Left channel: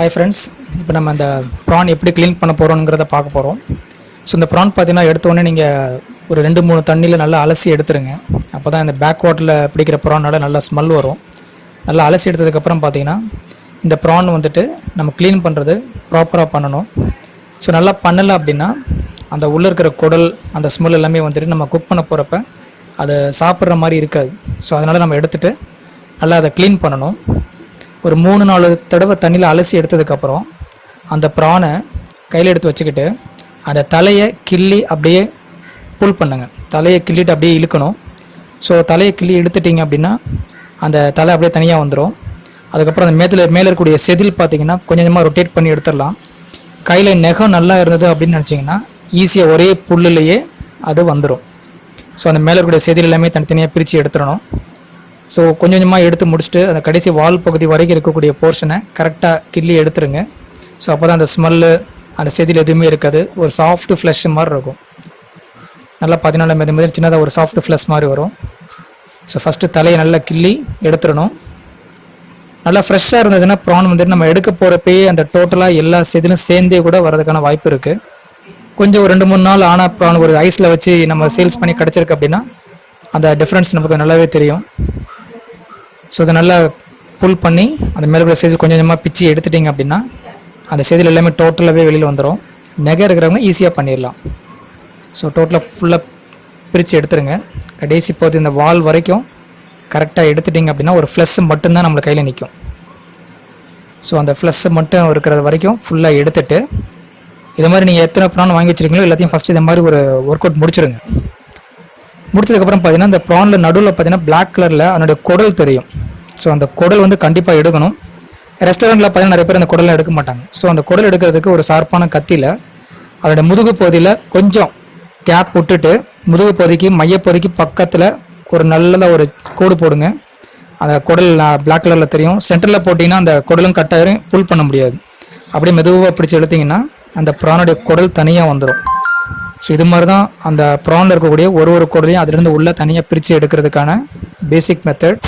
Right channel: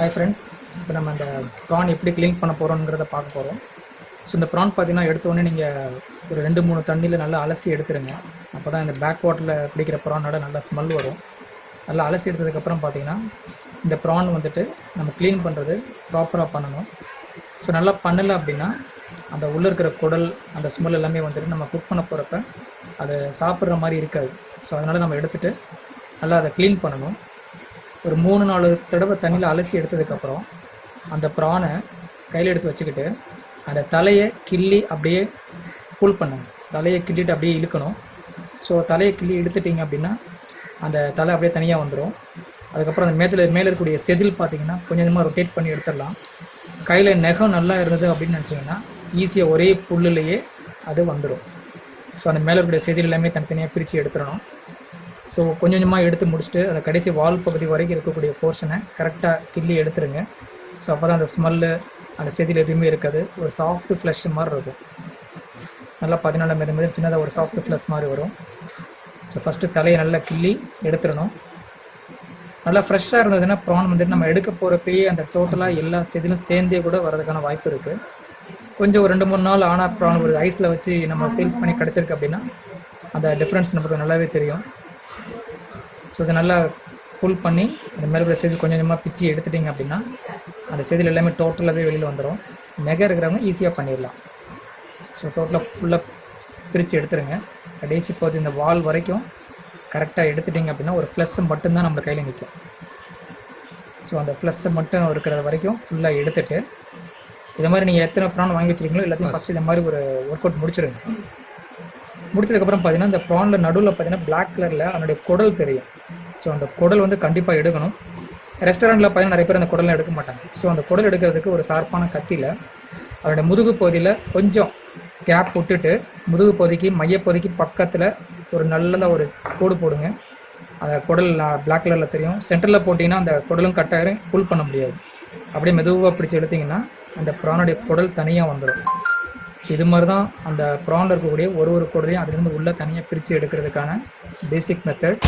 Hi friends, இப்போ நம்ம அந்த ப்ரான் எப்படி க்ளீன் பண்ண போகிறோங்கிறத பார்க்க போகிறோம். ஸோ இந்த ப்ரான் பார்த்தீங்கன்னா எடுத்தோடனே நீங்கள் ஒரு 2-3 தண்ணியில் நல்லா அலசி எடுத்துருங்க. அப்போ தான் இந்த பேக் வாட்டரில் பிடிக்கிற ப்ரானோட நல்லா ஸ்மெல் வரும். நல்லா அலசி எடுத்ததுக்கப்புறம் பார்த்தீங்கன்னா இந்த ப்ரான் வந்துட்டு நம்ம க்ளீன் பண்ணுறது ப்ராப்பராக பண்ணணும். ஸோ நல்லா பண்ணலை அப்படின்னா அந்த உள்ளே இருக்கிற குடல் அந்த ஸ்மெல் எல்லாமே வந்துட்டு நம்ம குக் பண்ண போகிறப்ப அதை சாப்பிட்ற மாதிரி இருக்காது. ஸோ அதனால் நம்ம எடுத்துகிட்டு நல்லா அதை க்ளீன் பண்ணணும். ஒரு 3-4 தடவை தண்ணியில் அலசி எடுத்ததுக்கப்புறம் அந்த ப்ரானை கையில் எடுத்து வச்சுக்கிட்டு அந்த தலையை கிள்ளி அப்படியே புல் பண்ணுங்க. தலையை கிள்ளிட்டு அப்படியே இழுக்கணும். ஸோ தலையை கிள்ளி எடுத்துட்டிங்க அப்படின்னா அந்த தலை அப்படியே தனியாக வந்துடும். அதுக்கப்புறம் அந்த மேலே இருக்கக்கூடிய செதில் பார்த்திங்கன்னா கொஞ்சம் கொஞ்சமாக ரொட்டேட் பண்ணி எடுத்துடலாம். கையில் நெகம் நல்லா இருந்தது அப்படின்னு நினச்சிங்கன்னா ஈஸியாக ஒரே புல்லுலேயே அது வந்துடும். ஸோ அந்த மேலே இருக்கக்கூடிய செதில் எல்லாமே தனித்தனியாக பிரித்து எடுத்துடணும். ஸோ கொஞ்சம் கொஞ்சமாக எடுத்து முடிச்சுட்டு அந்த கடைசி வால் பகுதி வரைக்கும் இருக்கக்கூடிய போர்ஷனை கரெக்டாக கிள்ளி எடுத்துருங்க. ஸோ அப்போ தான் அந்த ஸ்மெல்லு அந்த செதில் எதுவுமே இருக்காது. ஒரு சாஃப்ட்டு ஃப்ளஷ் மாதிரி இருக்கும். நல்லா 14 மெது சின்னதாக ஒரு சாஃப்ட் ஃப்ளஷ் மாதிரி வரும். ஸோ ஃபஸ்ட்டு தலையை நல்லா கிள்ளி எடுத்துடணும். நல்லா ஃப்ரெஷ்ஷாக இருந்ததுன்னா ப்ரான் வந்துட்டு நம்ம எடுக்க போகிறப்பயே அந்த டோட்டலாக எல்லா செதிலும் சேர்ந்தே கூட வரதுக்கான வாய்ப்பு இருக்குது. கொஞ்சம் ஒரு 2-3 நாள் ஆனால் ப்ரான் ஒரு ஐஸில் வச்சு நம்ம சேல்ஸ் பண்ணி கிடச்சிருக்கு அப்படின்னா அந்த டிஃப்ரென்ஸ் நமக்கு நல்லாவே தெரியும். ஸோ அதை நல்லா புல் பண்ணி அந்த மேலே கூட செதில் கொஞ்சம் கொஞ்சமாக பிச்சு எடுத்துட்டிங்க அப்படின்னா அந்த செதில் எல்லாமே டோட்டலாகவே வெளியில் வந்துடும். நெகை இருக்கிறவங்க ஈஸியாக பண்ணிடலாம். ஸோ டோட்டலாக ஃபுல்லாக பிரித்து எடுத்துருங்க. கடைசி போது இந்த வால் வரைக்கும் கரெக்டாக எடுத்துட்டிங்க அப்படின்னா ஒரு ஃப்ளஸ்ஸு மட்டும்தான் நம்மளை கையில் நிற்கும். ஸோ அந்த ஃப்ளஸ்ஸு மட்டும் இருக்கிறது வரைக்கும் ஃபுல்லாக எடுத்துகிட்டு இது மாதிரி நீங்கள் எத்தனை ப்ரான் வாங்கி வச்சுருக்கீங்களோ எல்லாத்தையும் ஃபஸ்ட்டு இது மாதிரி ஒரு ஒர்க் அவுட் முடிச்சிடுங்க. முடிச்சதுக்கப்புறம் பார்த்தீங்கன்னா இந்த ப்ரானில் நடுவில் பார்த்தீங்கன்னா பிளாக் கலரில் அதனுடைய குடல் தெரியும். ஸோ அந்த குடல் வந்து கண்டிப்பாக எடுக்கணும். ரெஸ்டாரண்ட்டில் பார்த்தீங்கன்னா நிறைய பேர் அந்த குடலை எடுக்க மாட்டாங்க. ஸோ அந்த குடல் எடுக்கிறதுக்கு ஒரு ஷார்ப்பான கத்தியில் அதோடய முதுகு பகுதியில் கொஞ்சம் கேப் விட்டுட்டு முதுகு பகுதிக்கு மையப்பகுதிக்கு பக்கத்தில் ஒரு நல்லதாக ஒரு கோடு போடுங்க. அந்த குடல் பிளாக் கலரில் தெரியும். சென்டரில் போட்டிங்கன்னா அந்த குடலும் கட்டாயிரும், புல் பண்ண முடியாது. அப்படியே மெதுவாக பிடிச்சி எடுத்திங்கன்னா அந்த ப்ரானுடைய குடல் தனியாக வந்துடும். ஸோ இது மாதிரி தான் அந்த ப்ரானில் இருக்கக்கூடிய ஒரு குடலையும் அதிலிருந்து உள்ளே தனியாக பிரித்து எடுக்கிறதுக்கான பேசிக் மெத்தட்.